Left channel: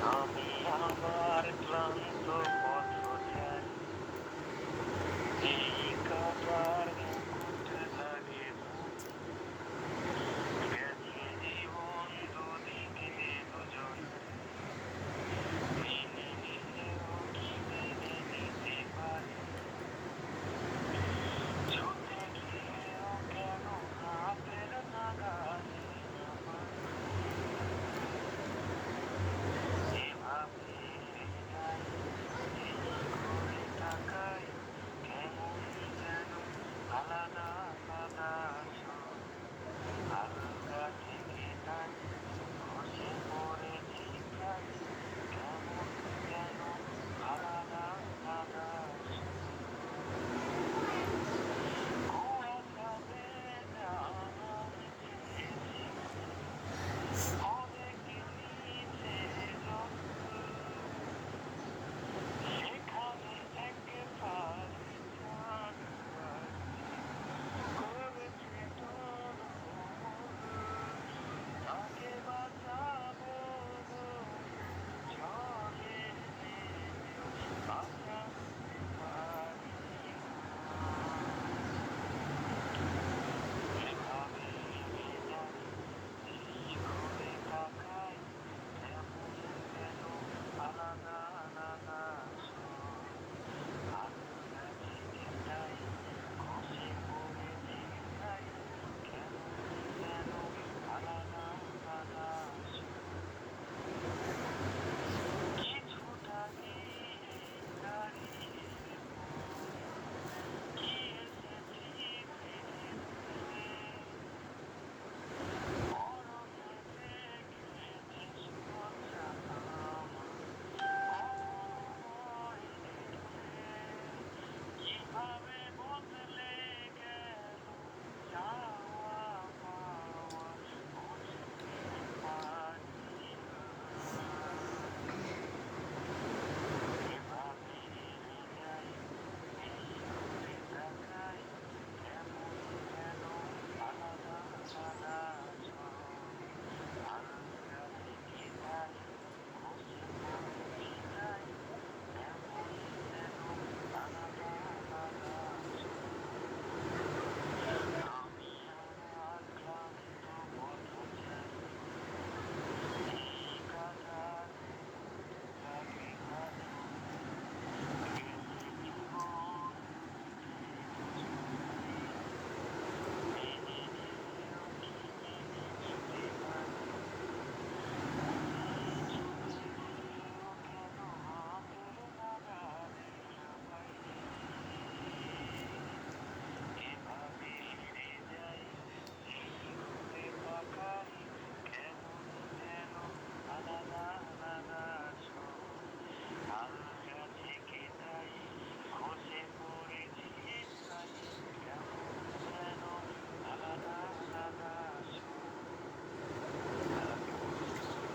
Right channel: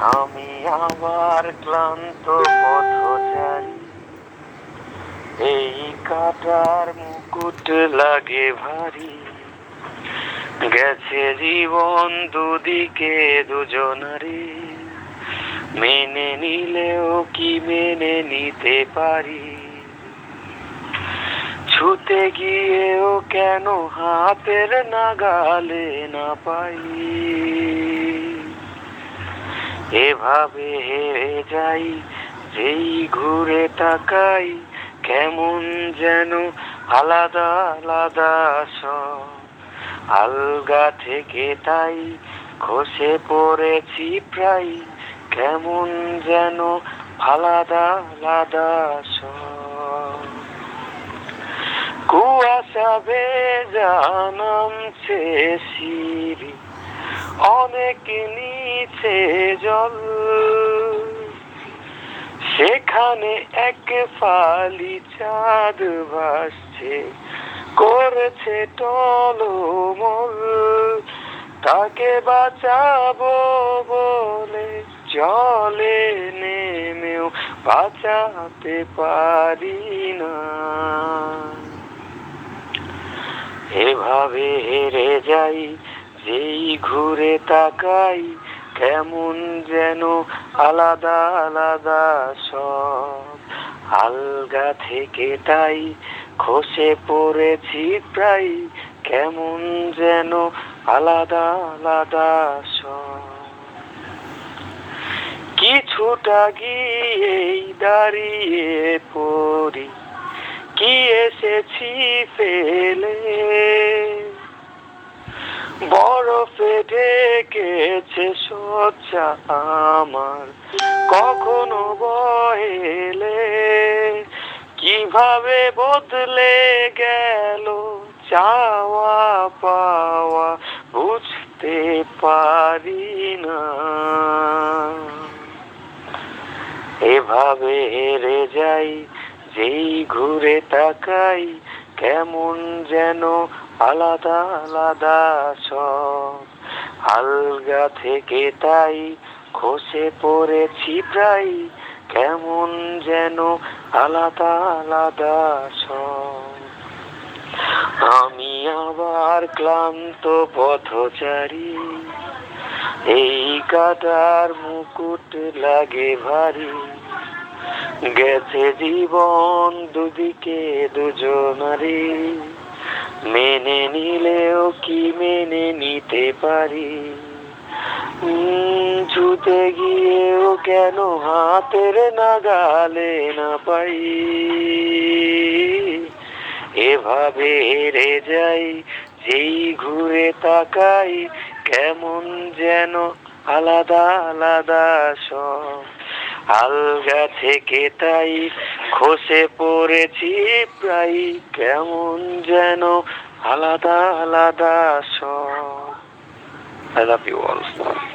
আমি আবার ক্লান্ত পথচারী, এই কাটার মুকুট লাগে ভারী। গেছে জীবন দুদিকে দুজনারে, মেনে নিলেও কি মেনে নিতে পারি? ছুতে গিয়েও কেন হাতের নাগালে না পাই? এভাবে হেরে যাই, যেই ঘুরে তাকাই, কেমন যেন আলাদা আলাদা সব। আলগা থেকে তাই খসে পড়েছি প্রায়, কেমন যেন আলাদা আলাদা সব। কুয়াশা ভেজা নামছে সিঁড়ি, অনেক নিচে জল, সেখানে এক ফালি চাঁদ ভাসছে, করেছে টলমল। তাকে বাঁচাবো বলে জলে নেমেও বাঁচাতে পারি না। এভাবে হেরে যাই, যেই ঘুরে তাকাই, কেমন যেন আলাদা আলাদা সব। আলগা থেকে তাই খসে পড়েছি প্রায়, কেমন যেন আলাদা আলাদা সব। কিছুটা গিয়েই দাঁড়িয়ে পড়ি, কি এসেছি ফেলে, বরফে ঢেকেছে সোচ্চা আমার কখনো বহেলে। কিভাবে বদলে গেল চাওয়া পাওয়া বুঝতে পারি না। এভাবে হেরে যাই, যেই ঘুরে তাকাই, কেমন যেন আলাদা আলাদা সব। আলগা থেকে তাই খসে পড়েছি প্রায়, কেমন যেন আলাদা আলাদা সব। আমি আবার ক্লান্ত পথচারী, এই কাটার মুকুট লাগে ভারী। গেছে জীবন দুদিকে দুজনারে, মেনে নিলেও কি মেনে নিতে পারি? ছুতে গিয়েও কেন হাতের নাগালে না পাই? এভাবে হেরে যাই, যেই ঘুরে তাকাই, কেমন যেন আলাদা আলাদা সব। আলগা থেকে তাই খসে পড়েছি প্রায়, কেমন যেন আলাদা আলাদা সব। I love you all.